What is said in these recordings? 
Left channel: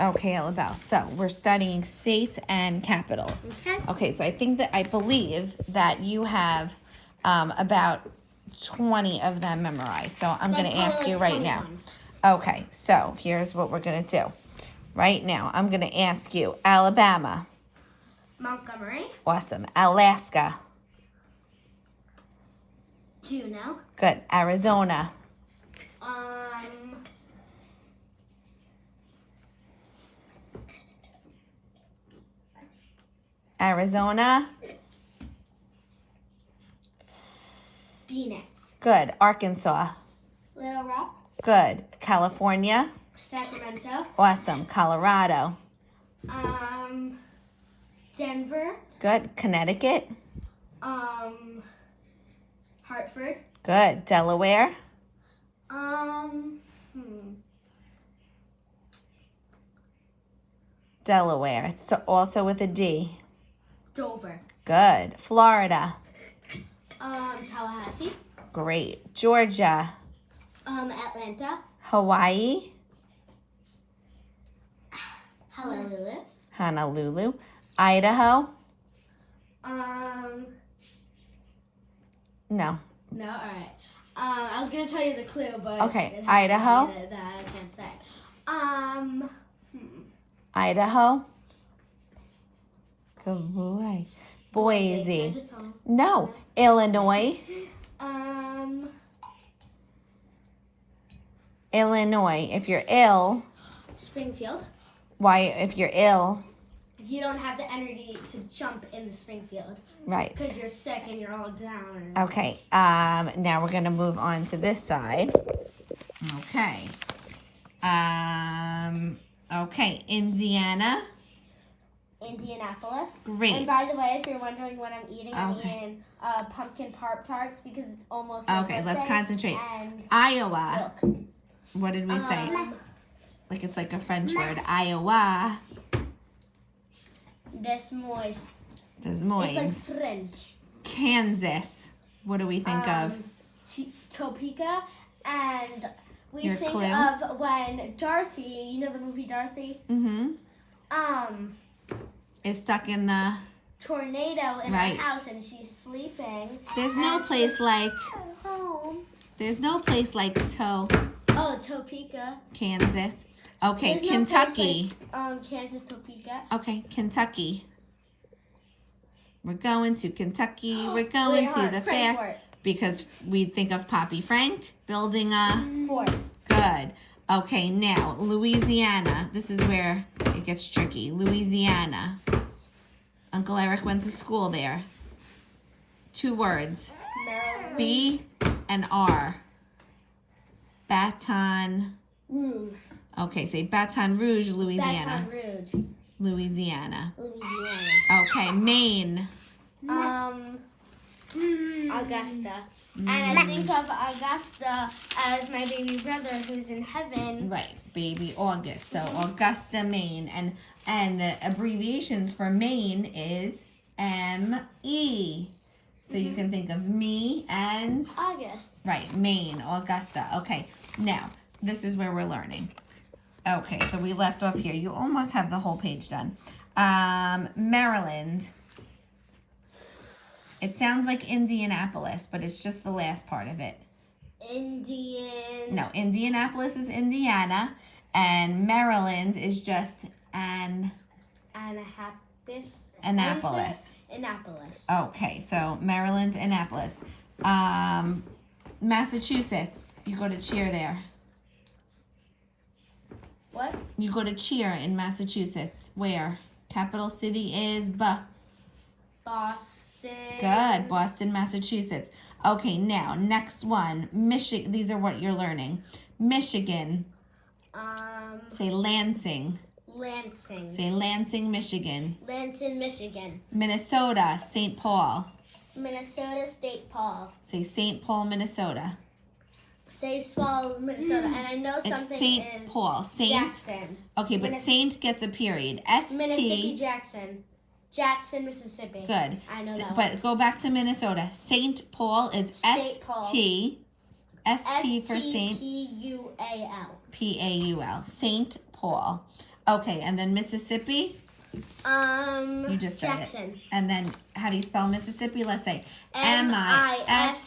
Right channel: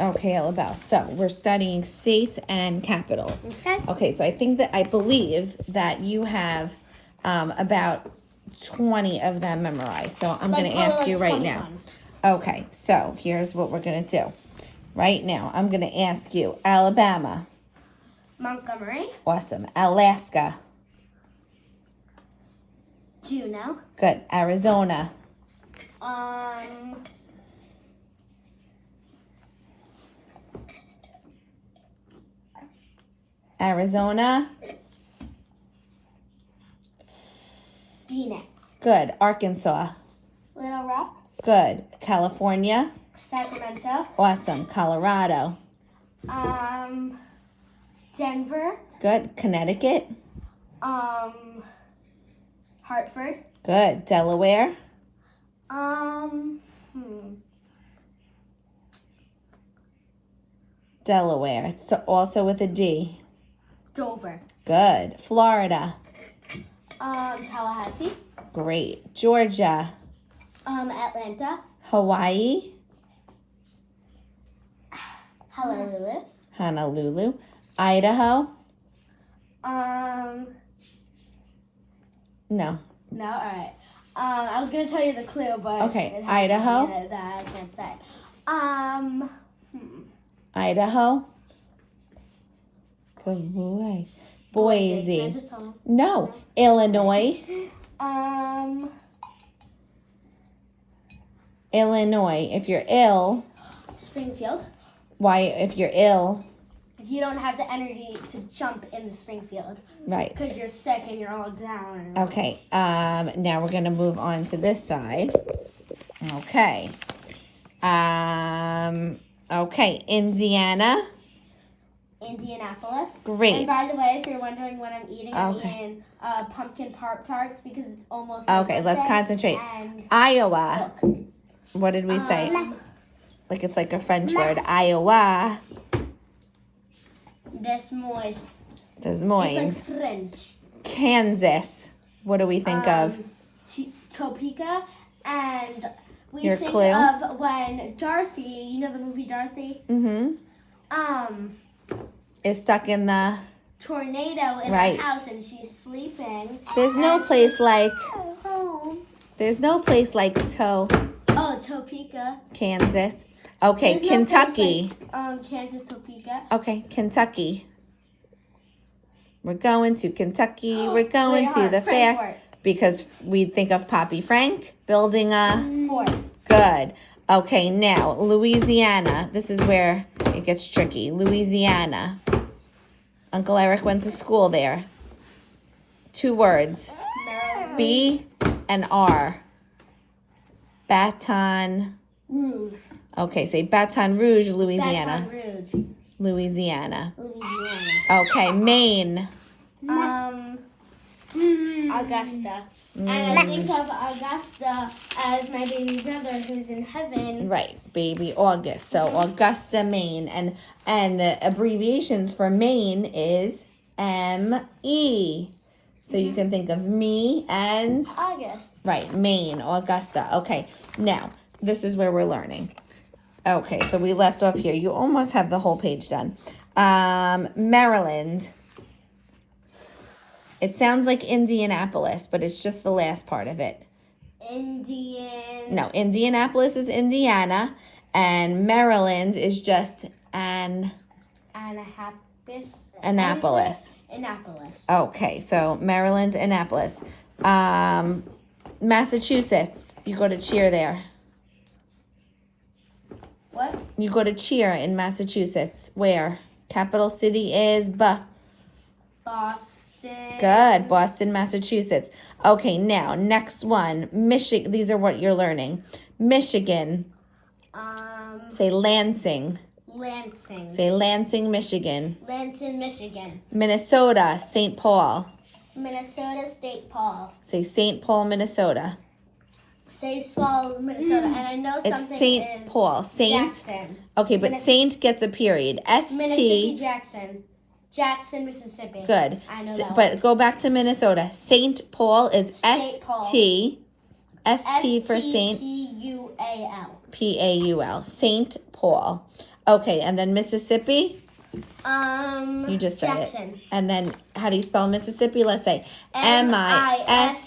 Okay, EllaBelle. So we're studying states and capitals. Okay. Okay, so I believe that you have about 20 of them memorized. So I'm going to ask you right now. Okay, so here's what we're going to do. Right now, I'm going to ask you Alabama. Montgomery. Awesome. Alaska. Juneau. Good. Arizona. Arizona. Phoenix. Good. Arkansas. Little Rock. Good. California. Sacramento. Awesome. Colorado. Denver. Good. Connecticut. Hartford. Good. Delaware. Delaware. It's also with a D. Dover. Good. Florida. Tallahassee. Great. Georgia. Atlanta. Hawaii. Honolulu. Honolulu. Idaho. No. No, all right. I was gonna tell you the clue, but Okay, it has Idaho. something in it that I can't say. Idaho. Good boy. Boise. Can I just tell them? No. Illinois. Illinois. If you're ill, Springfield. why? If you're ill, You don't have the energy to jump in the Springfield right? because you're sick and you're all down. Okay. Now we're gonna move on to this side. Okay. Okay. Indiana. Indianapolis. Great. And by the way, if you're wondering what I'm eating, I'm Okay. eating pumpkin Pop-Tarts because it's almost my Okay. Let's birthday, concentrate. And Iowa. look. What did we say? Um, Like it's like a French word. Iowa. Des Moines. Des Moines. It's like French. Kansas. What do we think of? Topeka, and we Your think clue? of when Dorothy, you know the movie Dorothy, Mm-hmm. Is stuck in the. tornado in Right. her house and she's sleeping. There's no and place she's like. home. There's no place like Topeka. Kansas. Okay, There's no Kentucky. place like, Kansas, Topeka. Okay, Kentucky. We're going to Kentucky. We're going Wait, to the fair Frankfurt. because we think of Poppy Frank building a. Fort. Good. Okay, now Louisiana. This is where it gets tricky. Louisiana. Uncle Eric went to school there. 2 words. Maryland. B and R. Baton. Rouge. Okay, say Baton Rouge, Louisiana. Baton Rouge. Louisiana. Louisiana. Okay, Maine. Augusta. And I think of Augusta as my baby brother who's in heaven. Right, baby August. So Augusta, Maine, and the abbreviations for Maine is M-E. So you can think of me and August. right, Maine, Augusta. Okay, now this is where we're learning. Okay, so we left off here. You almost have the whole page done. Maryland. It sounds like Indianapolis, but it's just the last part of it. Indian. No, Indianapolis is Indiana, and Maryland is just Annapolis. Annapolis. Annapolis. Okay, so Maryland, Annapolis. Massachusetts. You go to cheer there. What? You go to cheer in Massachusetts. Where? Capital city is Boston. Good. Boston, Massachusetts. Okay, now, next one. Michigan. These are what you're learning. Michigan. Say Lansing. Lansing. Say Lansing, Michigan. Lansing, Michigan. Minnesota, St. Paul. Minnesota, State Paul. Say St. Paul, Minnesota. Say Swallow, Minnesota. And I know It's something St. is Paul. Saint. Jackson. Okay, but Saint gets a period. Mississippi, S-T. Jackson. Jackson, Mississippi. Good. I know that But one. go back to Minnesota. St. Paul is State Paul. S-T. S-T for Saint. P-U-A-L. P-A-U-L. St. Paul. Okay, and then Mississippi? You just said Jackson. it. And then how do you spell Mississippi? Let's say Mississippi.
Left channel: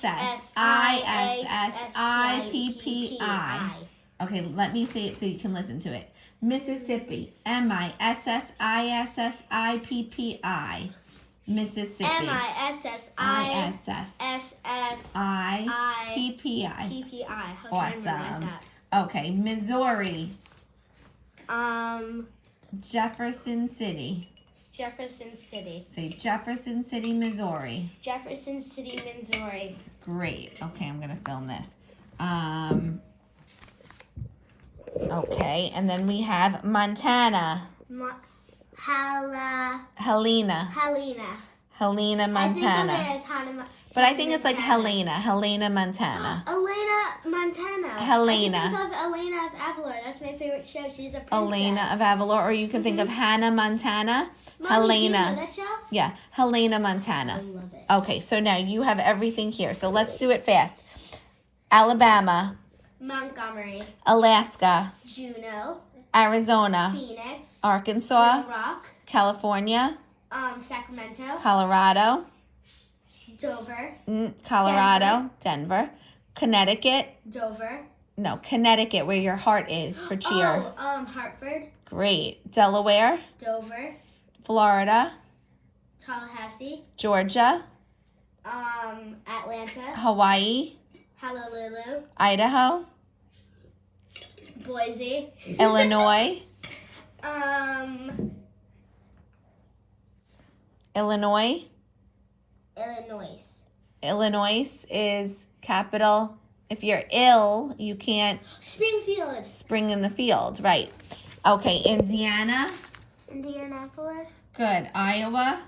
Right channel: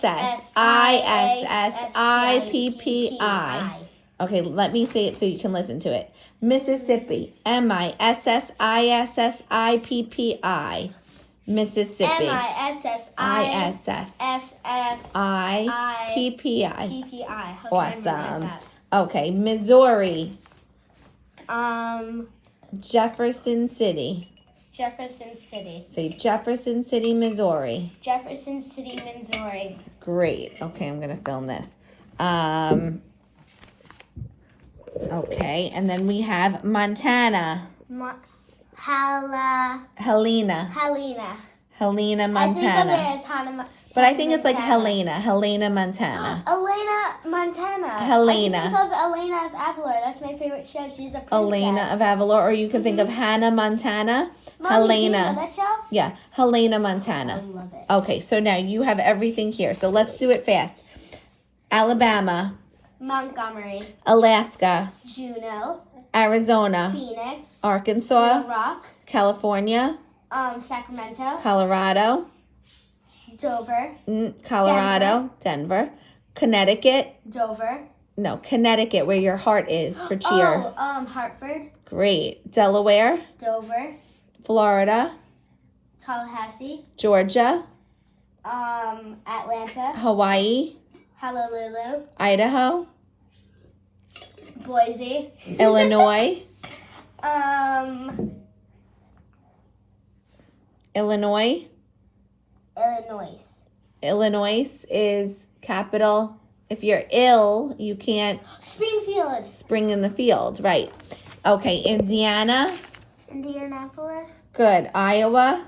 Okay, let me say it so you can listen to it. Mississippi. Mississippi. Mississippi. Missouri. Awesome. Okay, Missouri. Jefferson City. Jefferson City. Say Jefferson City, Missouri. Jefferson City, Missouri. Great. Okay, I'm gonna film this. Okay, and then we have Montana. Helena. Helena. Helena, Montana. I think of it as Hannah. But I think it's like Helena, Montana. Elena, Montana. Helena. I can think of Elena of Avalor. That's my favorite show. She's a princess. Elena of Avalor, or you can think of Hannah Montana. Mommy, do you know Helena. that show? Yeah, Helena Montana. I love it. Okay, so now you have everything here. So let's do it fast. Alabama, Montgomery. Alaska, Juneau. Arizona, Phoenix. Arkansas, Little Rock. California, Sacramento. Colorado, Dover. Colorado, Denver, Connecticut. Dover. No, Connecticut, where your heart is for cheer. Hartford. Great. Delaware, Dover. Florida, Tallahassee. Georgia, Atlanta. Hawaii, Honolulu. Idaho, Boise. Illinois, Illinois. Illinois is capital. If you're ill, you can't Springfield. spring in the field, right? Okay, Indiana, Indianapolis. good. Iowa,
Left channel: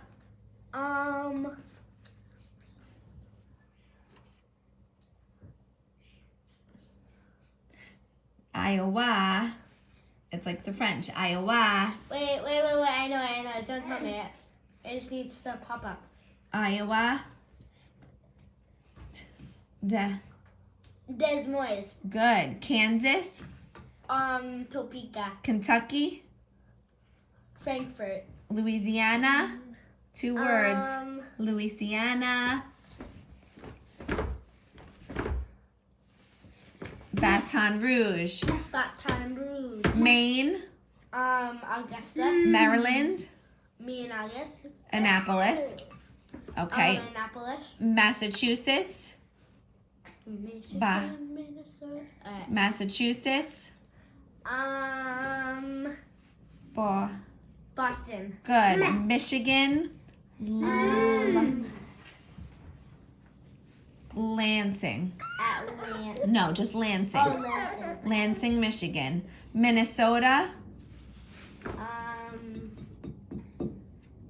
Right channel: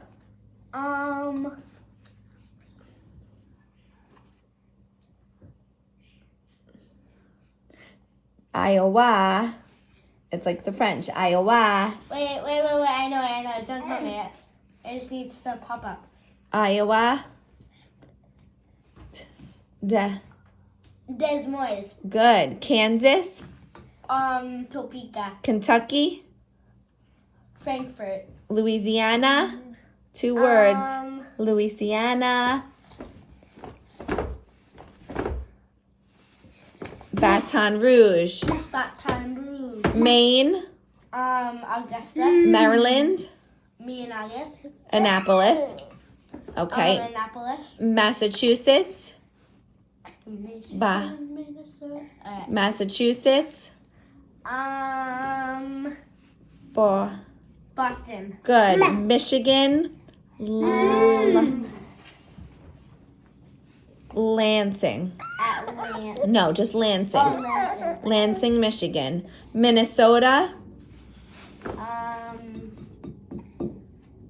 Iowa. It's like the French. Iowa, Wait. I know. Don't tell me it. It just needs to pop up. Iowa. Des Moines. Good. Kansas, Topeka. Kentucky, Frankfurt. Louisiana. 2 words. Louisiana. Baton Rouge. Baton Rouge. Maine. Augusta. Maryland. Me and August. Annapolis. Okay. Annapolis. Massachusetts. Michigan, Minnesota. Alright. Massachusetts. Boston. Good. Michigan. Lansing. Atlanta. No, just Lansing. Lansing. Lansing, Michigan. Minnesota.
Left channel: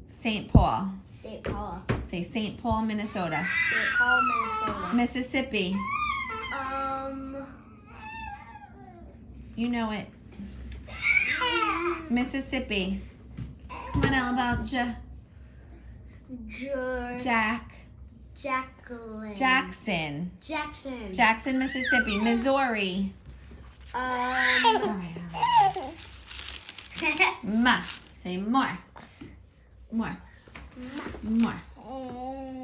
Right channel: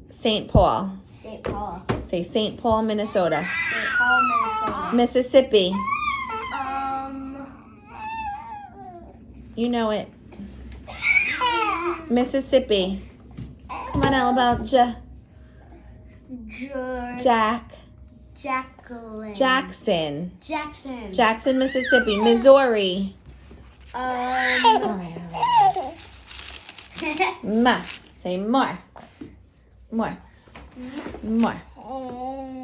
St. Paul. State Paul. Say St. Paul, Minnesota. State Paul, Minnesota. Mississippi. You know it. Mississippi. Come on, EllaBelle. Jacqueline. Jackson. Jackson. Mississippi. Missouri. Ma. Say more. More.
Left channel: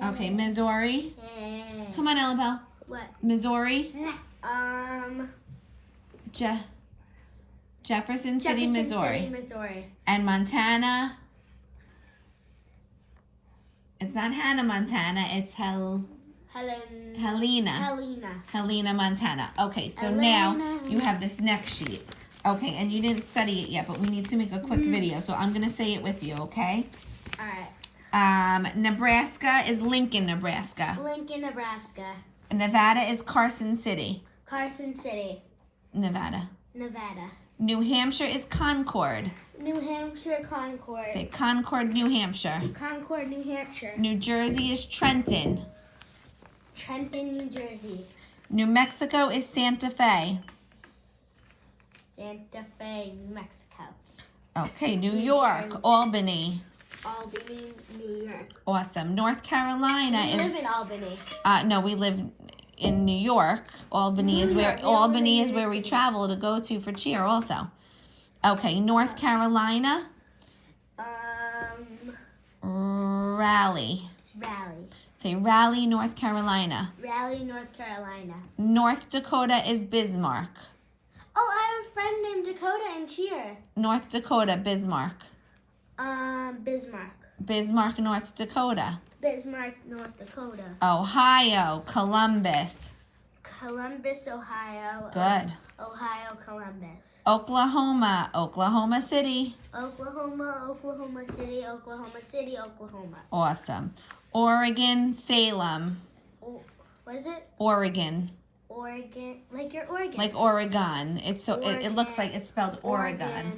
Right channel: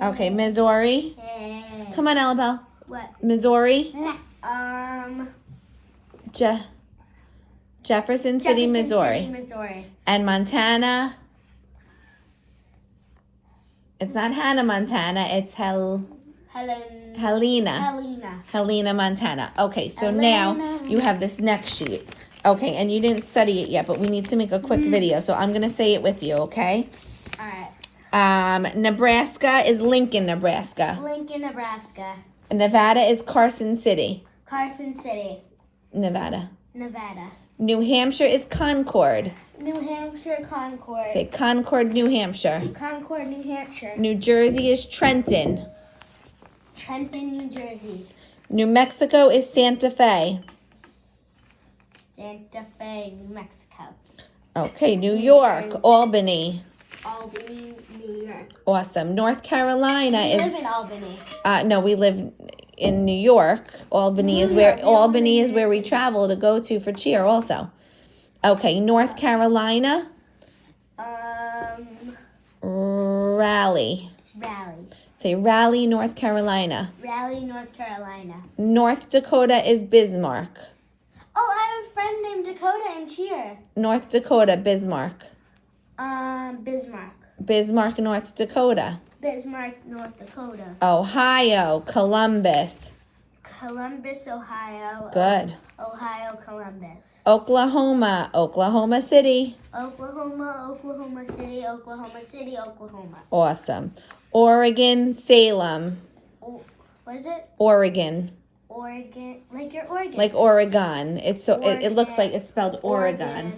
Okay, Missouri. Come on, EllaBelle. What? Missouri. Jefferson City, Missouri. And Montana. It's not Hannah, Montana. It's Helena, Montana. Okay, so now you have this next sheet. Okay, and you didn't study it yet, but we need to make a quick video. So I'm going to say it with you, okay? All right. Nebraska is Lincoln, Nebraska. Lincoln, Nebraska. Nevada is Carson City. Carson City. Nevada. Nevada. New Hampshire is Concord. New Hampshire, Concord. Say Concord, New Hampshire. Concord, New Hampshire. New Jersey is Trenton. Trenton, New Jersey. New Mexico is Santa Fe. Santa Fe, New Mexico. Okay, New York, Jersey. Albany. Albany, New York. Awesome. North Carolina We is. live in Albany. No, we live in New York. Albany is where we travel to go to for cheer. Also, Okay, North Carolina. Raleigh. Raleigh. Say Raleigh, North Carolina. Raleigh, North Carolina. North Dakota is Bismarck. Oh, I have a friend named Dakota in cheer. North Dakota, Bismarck. Bismarck. Bismarck, North Dakota. Bismarck, North Dakota. Ohio, Columbus. Columbus, Ohio. Good. Ohio, Columbus. Oklahoma, Oklahoma City. Oklahoma, Oklahoma City, Oklahoma City, Oklahoma. Awesome. Oregon, Salem. What is it? Oregon. Oregon, like your Oregon. Like Oregon. It's so it looks like it's spelled Oregon.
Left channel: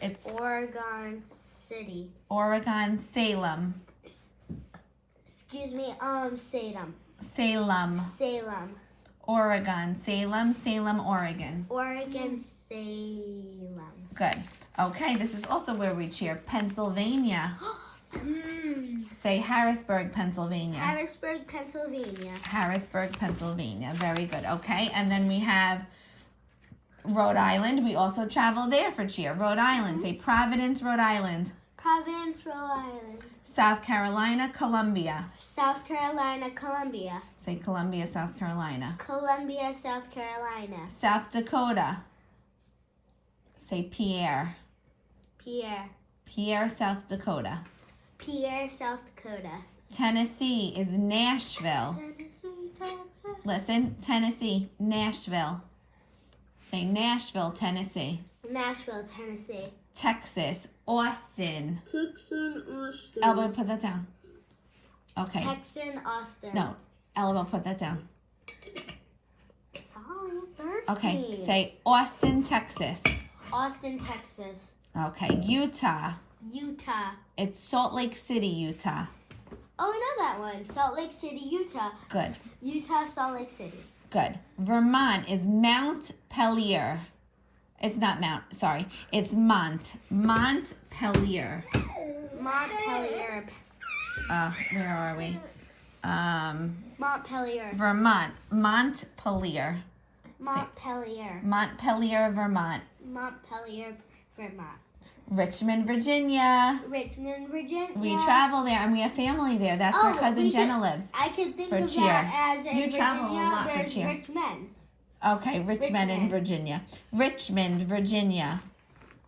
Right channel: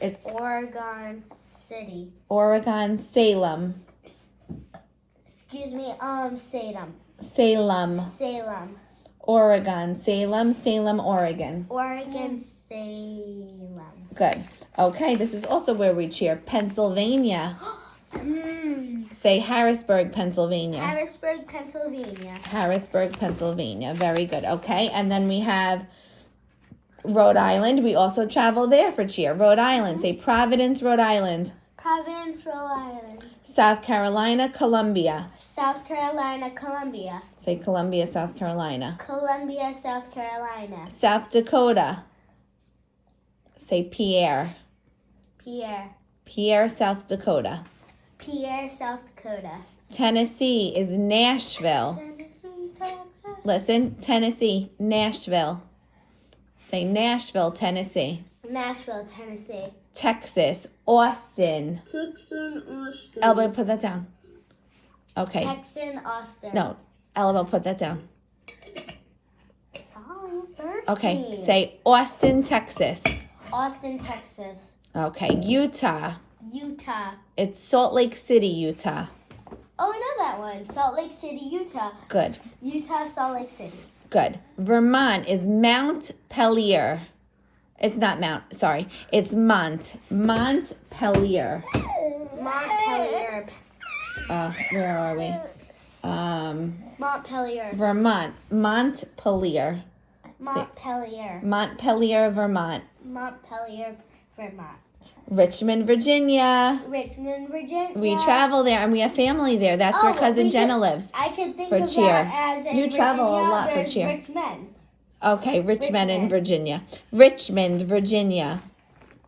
It's Oregon City. Oregon, Salem. Excuse me, Salem. Salem. Salem. Oregon, Salem, Oregon. Oregon, Salem. Good. Okay, this is also where we cheer. Pennsylvania. Say Harrisburg, Pennsylvania. Harrisburg, Pennsylvania. Harrisburg, Pennsylvania. Very good. Okay, and then we have Rhode Island. We also travel there for cheer. Rhode Island. Say Providence, Rhode Island. Providence, Rhode Island. South Carolina, Columbia. South Carolina, Columbia. Say Columbia, South Carolina. Columbia, South Carolina. South Dakota. Say Pierre. Pierre. Pierre, South Dakota. Pierre, South Dakota. Tennessee is Nashville. Tennessee, Texas. Listen, Tennessee, Nashville. Say Nashville, Tennessee. Nashville, Tennessee. Texas, Austin. Texan, Austin. EllaBelle, put that down. Okay. Texan, Austin. No, EllaBelle, put that down. Sorry, thirsty. Okay, say Austin, Texas. Austin, Texas. Okay, Utah. Utah. It's Salt Lake City, Utah. Oh, I know that one. Salt Lake City, Utah. Good. Utah, Salt Lake City. Good. Vermont is Montpelier. It's not Mount, sorry. It's Montpelier. Montpelier. Where are we? Montpelier. Vermont. Montpelier. Montpelier. Montpelier, Vermont. Montpelier, Vermont. Richmond, Virginia. Richmond, Virginia. We travel there and we have family there. That's where cousin Jenna lives. I could think for of cheer. that as in You Virginia, travel a lot for there's cheer. Richmond. Okay, Richmond in Virginia. Richmond, Virginia.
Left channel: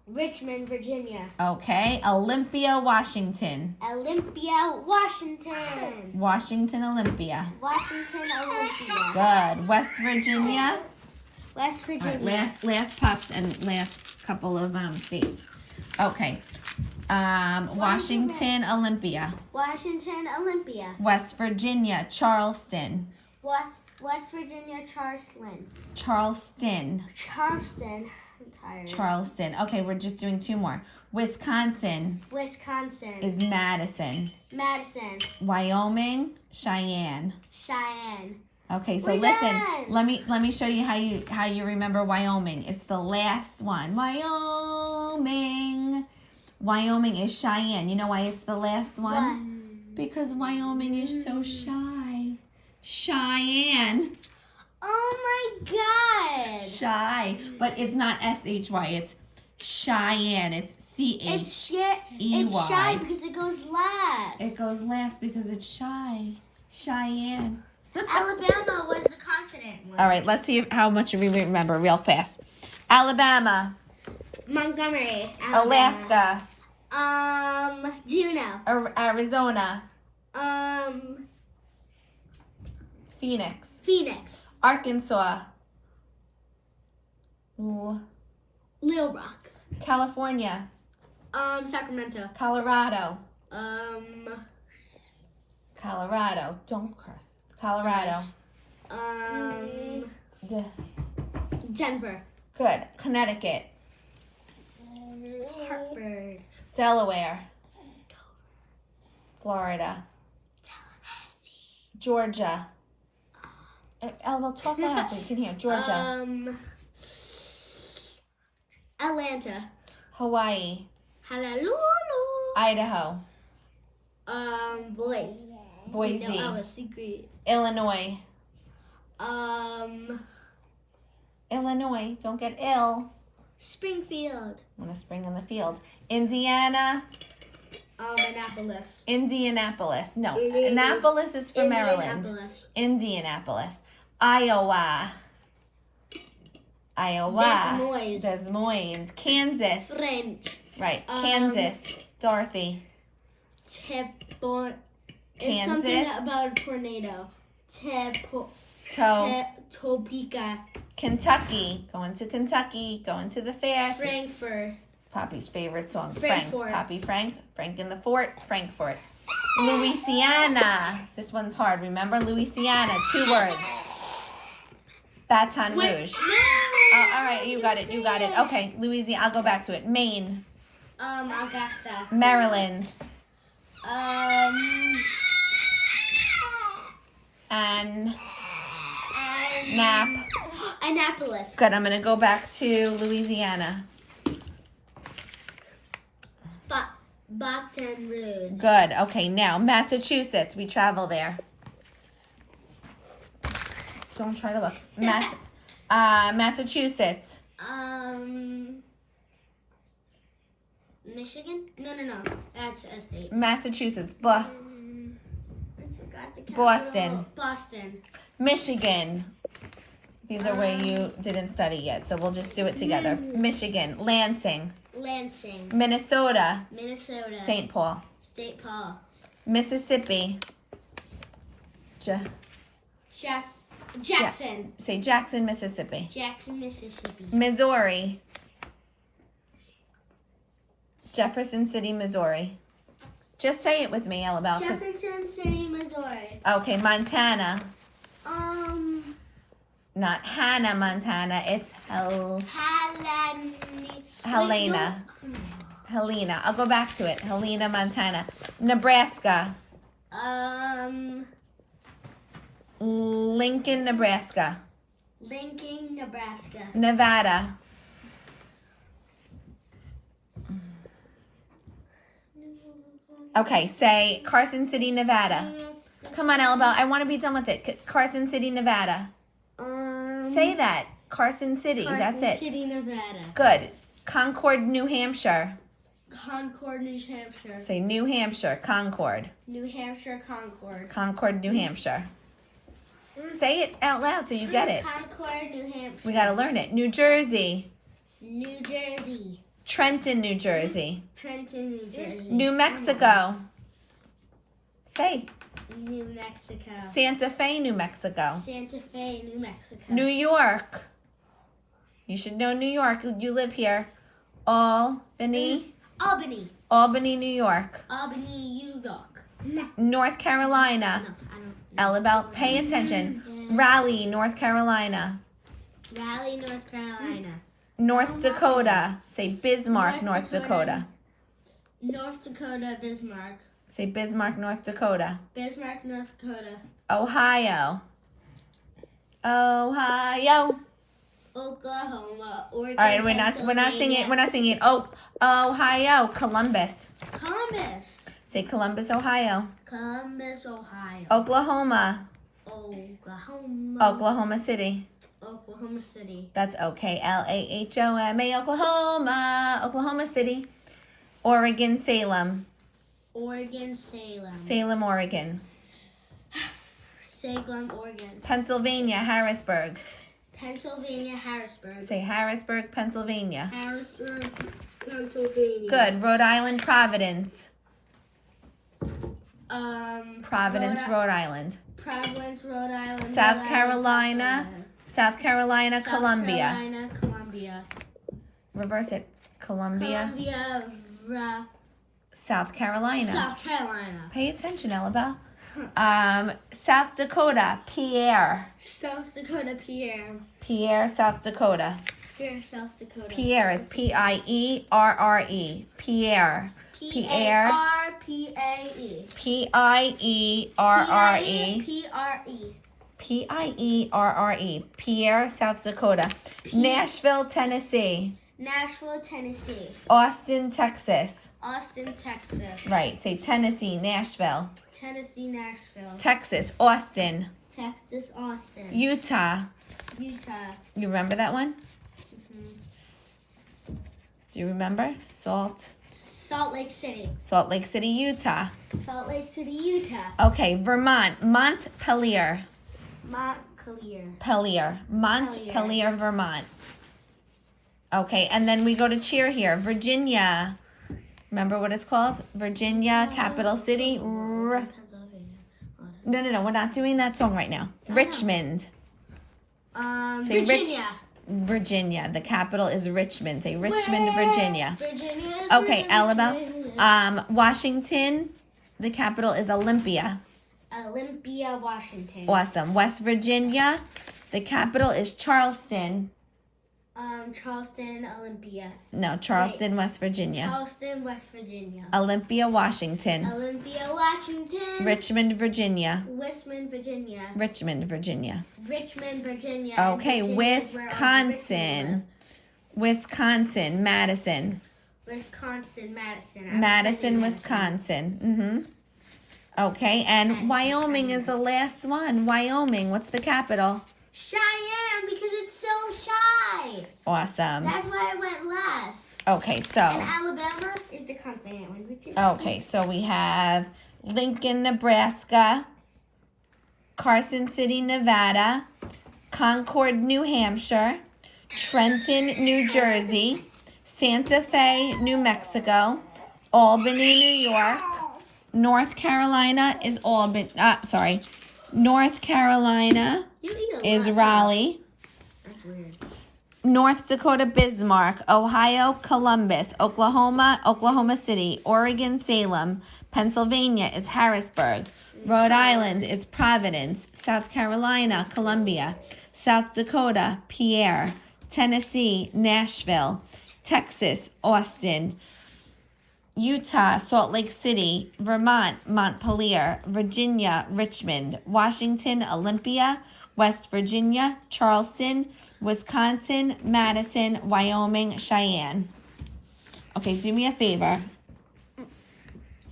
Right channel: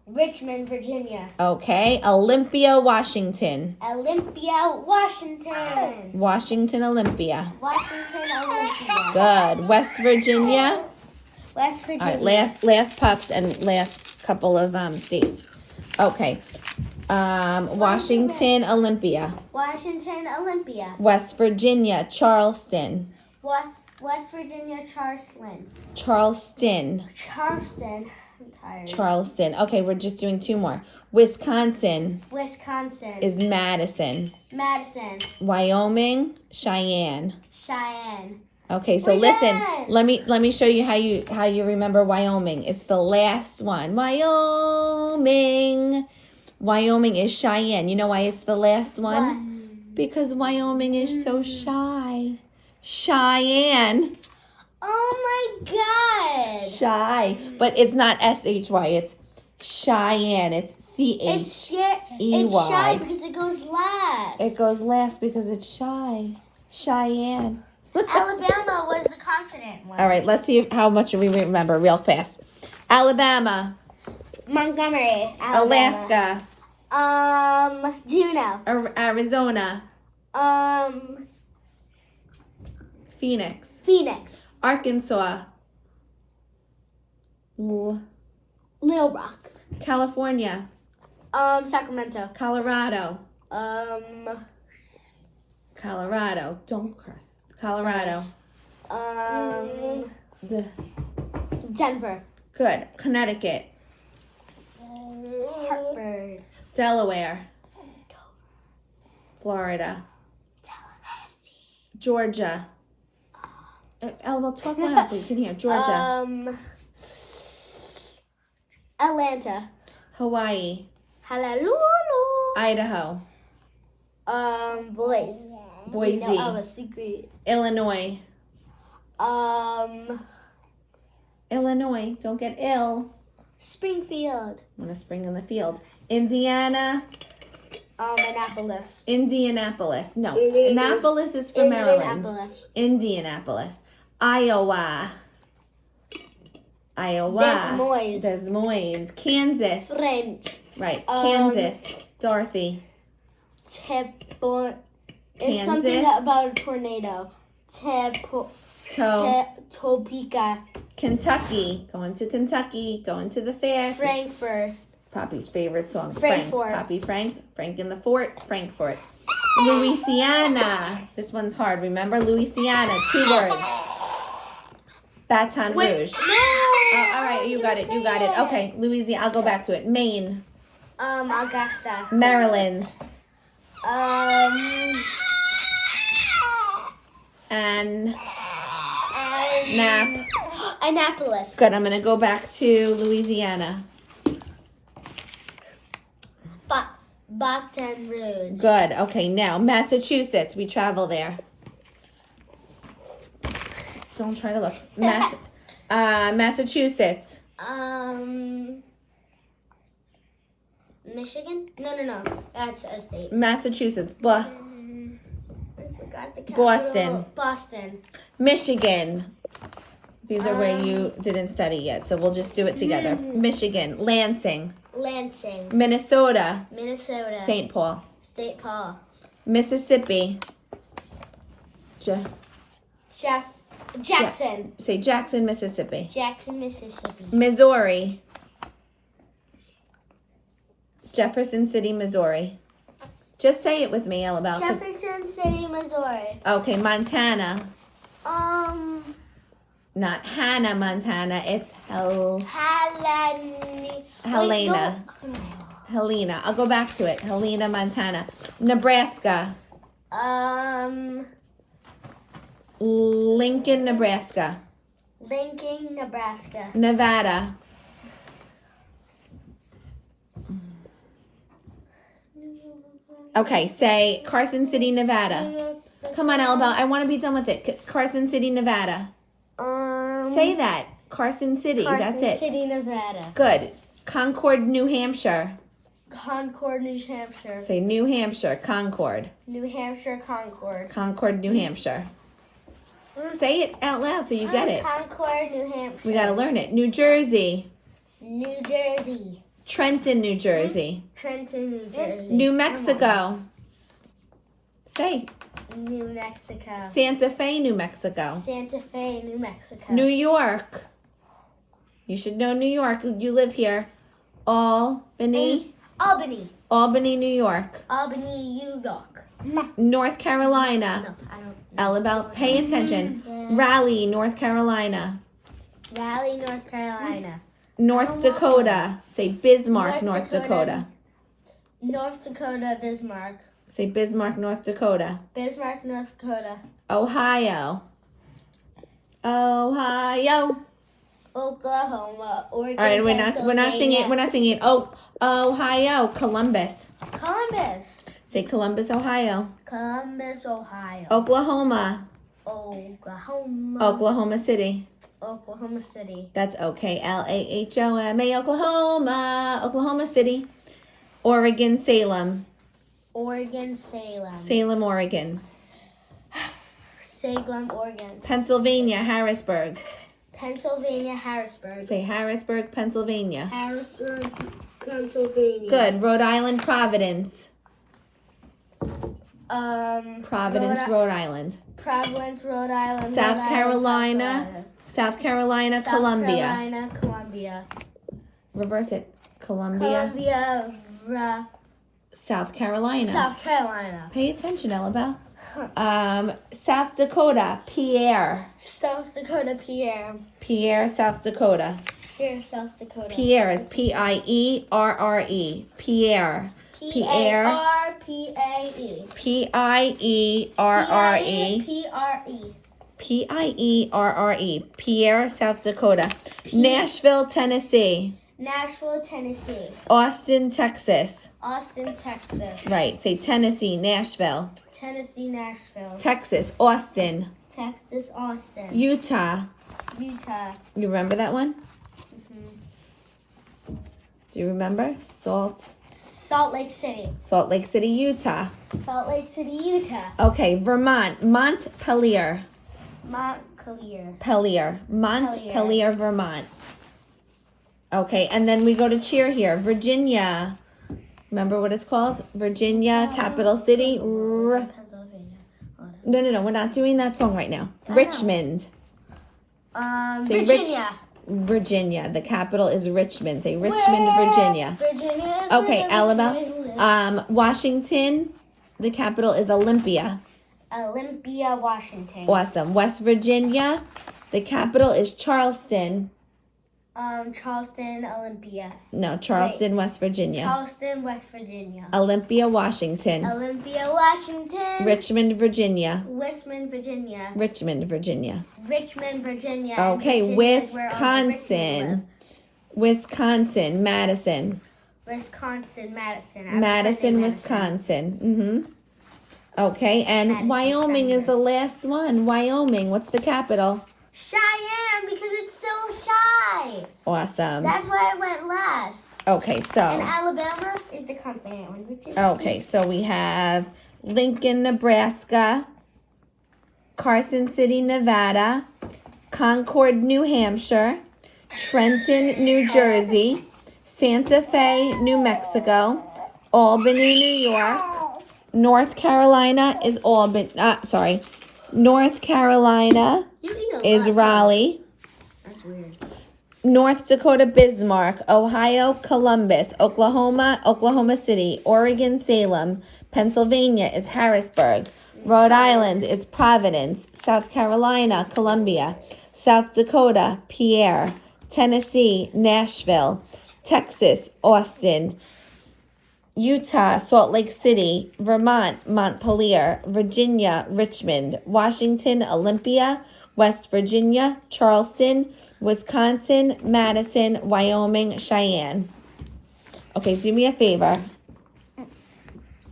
Richmond, Virginia. Okay, Olympia, Washington. Olympia, Washington. Washington, Olympia. Washington, Olympia. Good. West Virginia. West All Virginia. right, last puffs and last couple of states. Okay. Washington, Olympia. Washington, Olympia. West Virginia, Charleston. West Virginia, Charleston. Charleston. Charleston. I'm tired. Charleston. Okay, we're just doing two more. Wisconsin Wisconsin. is Madison. Madison. Wyoming, Cheyenne. Cheyenne. Okay, so We're listen. done. Let me show you how you remember Wyoming. It's the last one. Wyoming. Wyoming is Cheyenne. You know why it's the last one? Because Wyoming is so shy. Cheyenne. Oh my God. Shy. But it's not SHY. It's Cheyenne. It's It's CHEY. shy because it goes last. It goes last because it's shy. Cheyenne. Alabama was the confident one. All right, let's see how much we remember real fast. Alabama. Montgomery, Alabama. Alaska. Juneau. Arizona. Phoenix. Phoenix. Arkansas. Little Rock. California. Sacramento. Colorado. Colorado. Don't curse. Colorado. Denver. Good. Connecticut. Hartford. Delaware. Florida. Tallahassee. Georgia. Well, talk loud so you can hear. Georgia. Atlanta. Hawaii. Honolulu. Idaho. Boise. Boise. No, I have a secret. Illinois. Illinois. Don't get ill. Springfield. Want a spring in the field. Indiana. Annapolis. Indianapolis. No, Annapolis is for Maryland. Indianapolis. Indianapolis. Iowa. Iowa. Des Moines. Kansas. French. Right. Kansas. Dorothy. It's Kansas. something about a tornado. Topeka. Kentucky. Going to Kentucky. Going to the fair. Frankfurt. Poppy's favorite song. Frankfurt. Poppy Frank. Frank in the Fort. Frankfurt. Louisiana. This one's hard. Remember? Louisiana. 2 words. Baton Rouge. No! Oh, all right, you got it. You got it. Okay, Louisiana. I'll go back to it. Maine. Augusta. Maryland. Annapolis. Good. I'm gonna go back to Louisiana. Baton Rouge. Good. Okay, now Massachusetts. We travel there. Don't try to look. Massachusetts. Michigan? No. That's a state. Massachusetts. I forgot the capital. Boston. Michigan. These are where you didn't study yet, so we'll just do it together. Michigan. Lansing. Minnesota. St. Paul. Mississippi. Jackson. Say Jackson, Mississippi. Jackson, Mississippi. Missouri. Jefferson City, Missouri. Just say it with me, EllaBelle. Jefferson City, Missouri. Okay, Montana. Not Hannah, Montana. It's Helena. Wait, no. Helena. I'll go back to it. Helena, Montana. Nebraska. Lincoln, Nebraska. Nevada. Okay, say Carson City, Nevada. Come on, EllaBelle. I want to be done with it. Carson City, Nevada. Say that. Carson City. That's it. Carson City, Nevada. Good. Concord, New Hampshire. Concord, New Hampshire. Say New Hampshire. Concord. New Hampshire, Concord. Concord, New Hampshire. Say it out loud so you get it. Concord, New Hampshire. We got to learn it. New Jersey. New Jersey. Trenton, New Jersey. Trenton, New Jersey. New Mexico. Say. New Mexico. Santa Fe, New Mexico. Santa Fe, New Mexico. New York. You should know New York. You live here. Albany. Albany, New York. Albany, New York. North Carolina. No, I don't. EllaBelle, pay attention. Yeah. Raleigh, North Carolina. Raleigh, North Carolina. North Dakota. Say Bismarck, North Dakota. North Dakota, Bismarck. Say Bismarck, North Dakota. Bismarck, North Dakota. Ohio. Oklahoma, Oregon, All right, we're not singing. We're not singing. Oh, Ohio. Columbus. Columbus. Say Columbus, Ohio. Columbus, Ohio. Oklahoma. Oklahoma City. Oklahoma City. That's Oklahoma, Oklahoma. Oklahoma City. Oregon, Salem. Oregon, Salem. Salem, Oregon. Salem, Oregon. Pennsylvania, Harrisburg. Pennsylvania, Harrisburg. Say Harrisburg, Pennsylvania. Harrisburg, Pennsylvania. Good. Rhode Island, Providence. Providence, Rhode Island. Providence, Rhode Island. South Carolina. South Carolina, Columbia. South Carolina, Columbia. Reverse it. Columbia. South Carolina. South Carolina. Pay attention, EllaBelle. South Dakota, Pierre. South Dakota, Pierre. Pierre, South Dakota. Pierre, South Dakota. Pierre is P-I-E-R-R-E. Pierre. P-A-R-P-A-E. P-I-E-R-R-E. P-R-E. P-I-E-R-R-E. Pierre, South Dakota. Nashville, Tennessee. Nashville, Tennessee. Austin, Texas. Austin, Texas. Right. Say Tennessee, Nashville. Tennessee, Nashville. Texas, Austin. Texas, Austin. Utah. Utah. You remember that one? Do you remember? Salt Lake City. Salt Lake City, Utah. Salt Lake City, Utah. Okay, Vermont. Montpelier. Montpelier, Vermont. Okay, and then we go to cheer here. Virginia. Remember what it's called? Virginia, capital city. No, we're not doing that song right now. Richmond. Say Virginia. Virginia. The capital is Richmond. Say Richmond, Virginia. Virginia is Okay, where EllaBelle. Washington. The capital is Olympia. Olympia, Washington. Awesome. West Virginia. The capital is Charleston. Charleston, Olympia. No, Charleston, West Virginia. Charleston, West Virginia. Olympia, Washington. Olympia, Washington. Richmond, Virginia. Richmond, Virginia. Richmond, Virginia. Richmond, Virginia. Okay, Virginia is where all the rich people Wisconsin. Wisconsin, Madison. live. Wisconsin, Madison. Madison, Wisconsin. Okay, and Madison, Wyoming is the last one. Wyoming, what's the capital? Cheyenne, because it's so shy. Awesome. That's why I went last. Okay, And so. Alabama is the confident one, which is. Okay, so we have Lincoln, Nebraska, Carson City, Nevada, Concord, New Hampshire, Trenton, New Jersey, Santa Fe, New Mexico, Albany, New York, North Carolina is North Carolina You eat a is lot. Raleigh, That's weird. North Dakota, Bismarck, Ohio, Columbus, Oklahoma City, Oregon, Salem, Pennsylvania is Harrisburg, Rhode Island is Providence, South Carolina, Columbia, South Dakota, Pierre, Tennessee, Nashville, Texas, Austin, Utah, Salt Lake City, Vermont, Montpelier, Virginia, Richmond, Washington, Olympia, West Virginia, Charleston, Wisconsin, Madison, Wyoming, Cheyenne. Okay, do me a favor.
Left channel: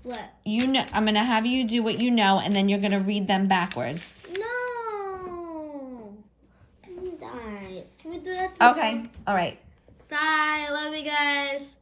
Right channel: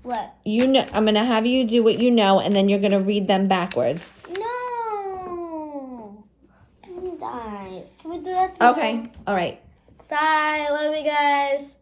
What? You know, I'm gonna have you do what you know, and then you're gonna read them backwards. No. Die. Can we do that? Okay. All right. Bye. Love you guys.